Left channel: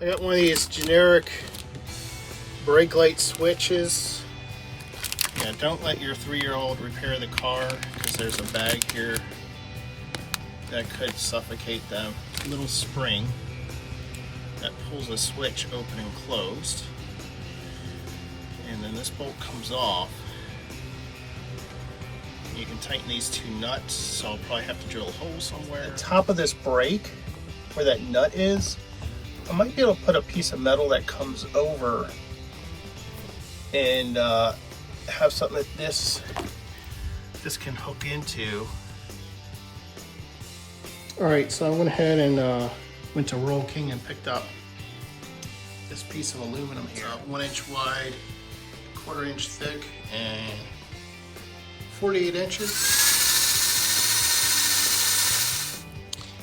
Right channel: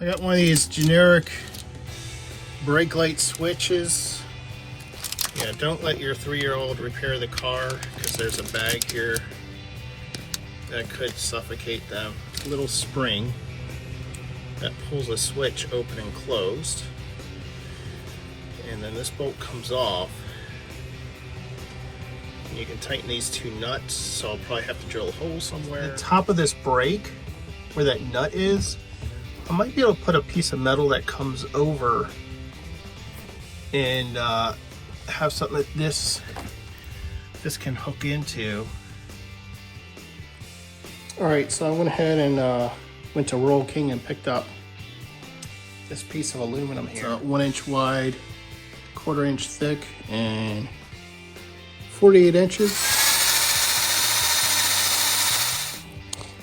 I got one of these generic brake light switches. Yeah, don't let your 3-year-old repair the car because there's a bag here that could suffocate them. Little spring that pulls a switch open and closed. And then this bolt comes off. You can tighten these 2 nuts, so I'll probably have to drill a hole somewhere. The top of this brake, where that nut is, I might be able to put a piece of metal that comes over and have something that this can hook into. All right, so I went ahead and went to Roll King and picked up this piece of aluminum here. It's 1 inch wide, 1/4 inch thick, and 48 inches.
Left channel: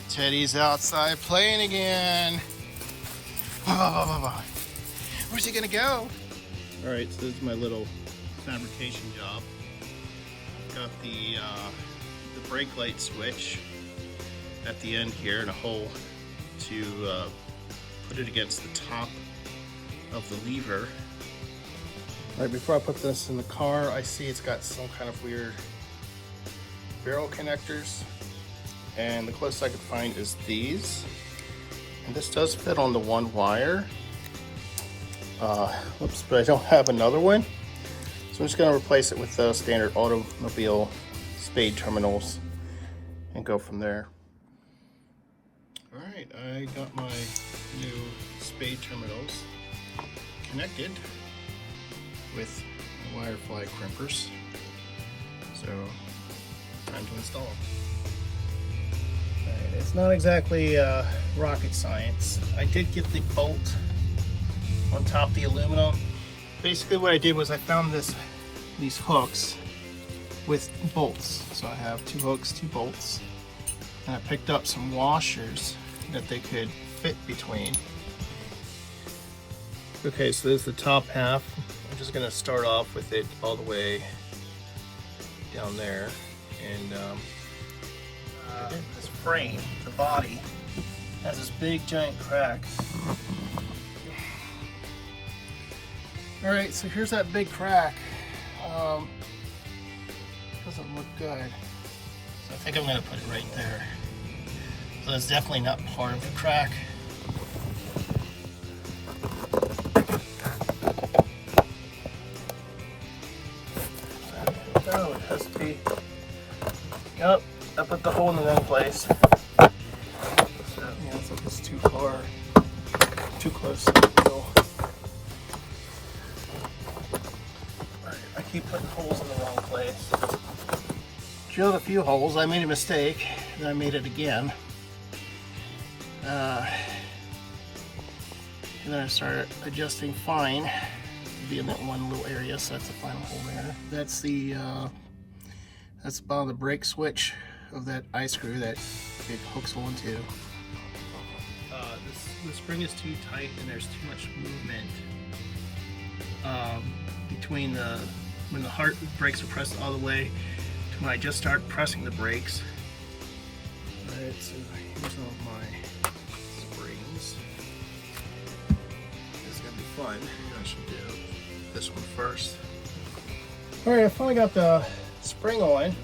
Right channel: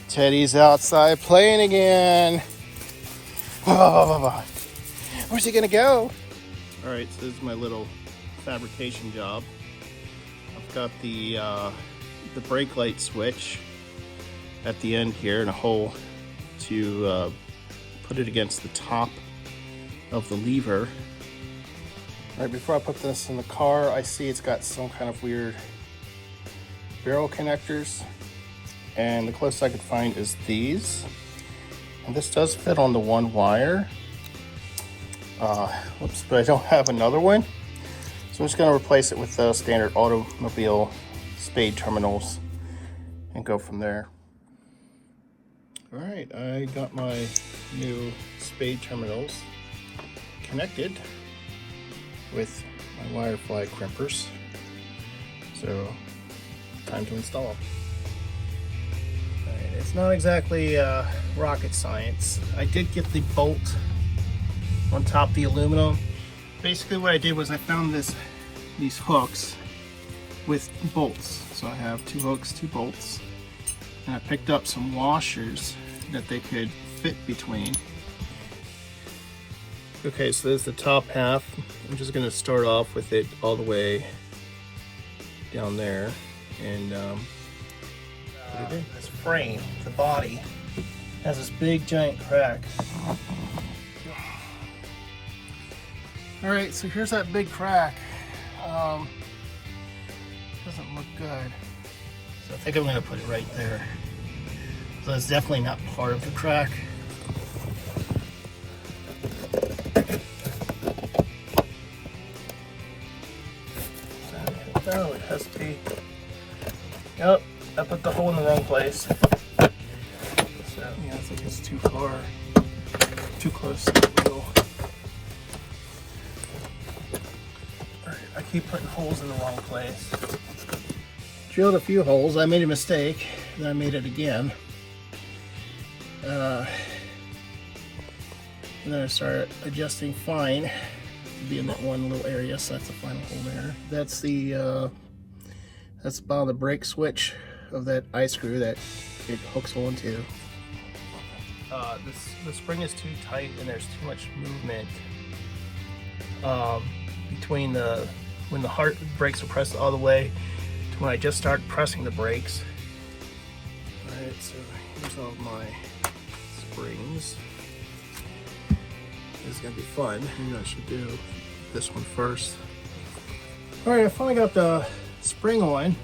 Teddy's outside playing again. Where's he gonna go? All right, so this is my little fabrication job. I've got the brake light switch at the end here and a hole to put it against the top of the lever. All right, before I put this in the car, I see it's got some kind of weird barrel connectors, and the closest I could find is these. And this does fit on the 1 wire. But I don't have another one. So I'm just gonna replace it with the standard automobile spade terminals and go from there. All right, I got my new spade terminals connected with my wire fly crimpers. So time to install them. It's not exactly rocket science. I did get the bolt on top of the aluminum. Basically what I did was I found these hooks with bolts. So I have 2 hooks, 2 bolts, and I picked up some washers that they could fit between. Okay, so this is the top half. I'm just gonna start off with it all the way down there, and this frame, the body, has this big giant crack. All right, so here's that big crack. Doesn't look good. So I think I'm gonna put it right there. So it's definitely not part of the crack. Oh, it has to be. Yep, I put the hole in the wrong place. So, yeah, I think it's too far, too close to the wheel. Alright, I keep putting holes in the wrong place. Drilled a few holes. I made a mistake, and I made it again. And then I started adjusting fine to be in that one little area, so that's the final hole there. That's the bottom of the brake switch of that eye screw that it hooks onto. The spring is too tight and there's too much movement between when the brakes are pressed all the way to when I just start pressing the brakes. Alright, so here's all my springs. It's gonna be fun. Maybe I should do this one first. Alright, I finally got the spring on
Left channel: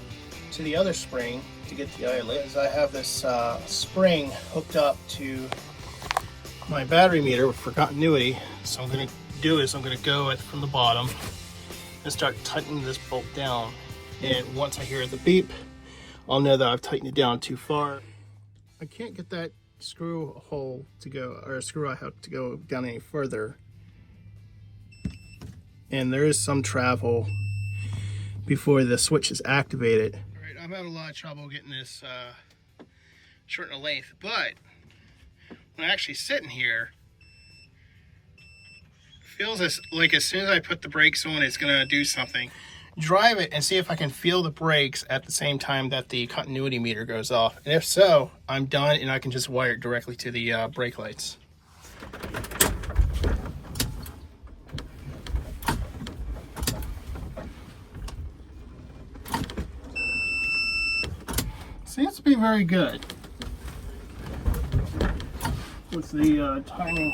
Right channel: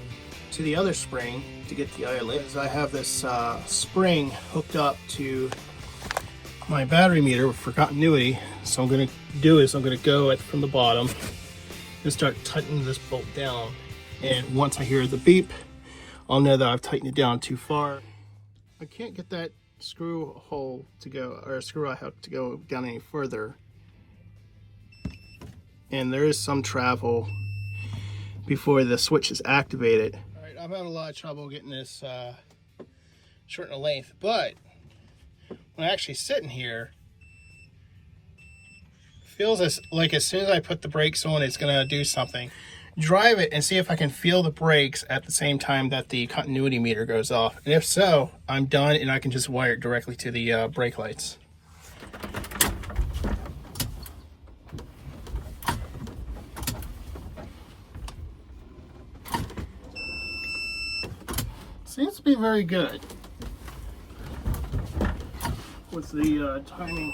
to the other spring to get the eyelet. I have this spring hooked up to my battery meter for continuity. So I'm gonna do is I'm gonna go from the bottom and start tightening this bolt down. And once I hear the beep, I'll know that I've tightened it down too far. I can't get that screw hole to go, or screw eye hook to go down any further. And there is some travel before the switch is activated. All right, I've had a lot of trouble getting this short in length, but when I actually sit in here, it feels like as soon as I put the brakes on, it's gonna do something. Drive it and see if I can feel the brakes at the same time that the continuity meter goes off. And if so, I'm done and I can just wire it directly to the brake lights. Seems to be very good. with the timing.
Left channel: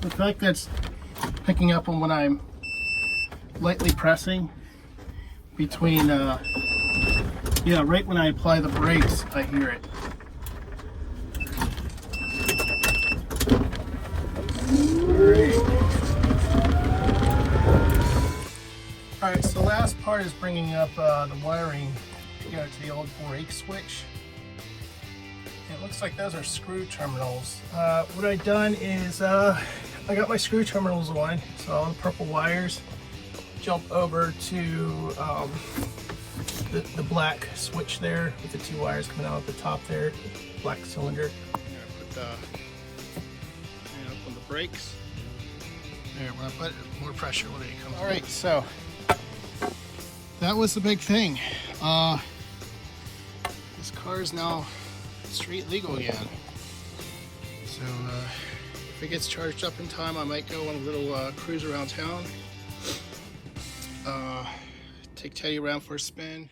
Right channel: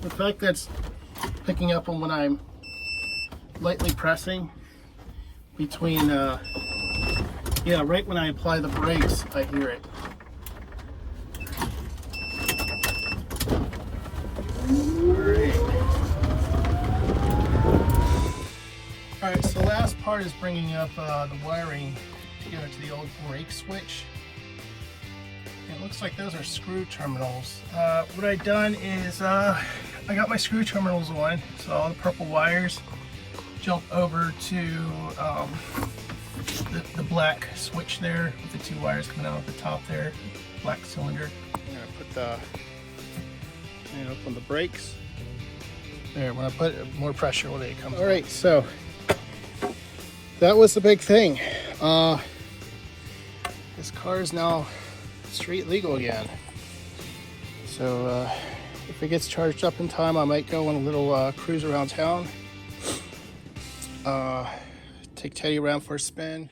The fact that's picking up on when I'm lightly pressing between, yeah, right when I apply the brakes, I hear it. Alright, so the last part is bringing up the wiring to go to the old brake switch. It looks like those are screw terminals. What I've done is I got my screw terminals on, so all the purple wires jump over to the black switch there with the two wires coming out at the top there, black cylinder. I'm going to put the up on the brakes. There, when I put more pressure when it comes. All right, so that was the big thing. This car is now street legal again. So if it gets charged up in time, I might go on a little cruise around town. Take Teddy around for a spin.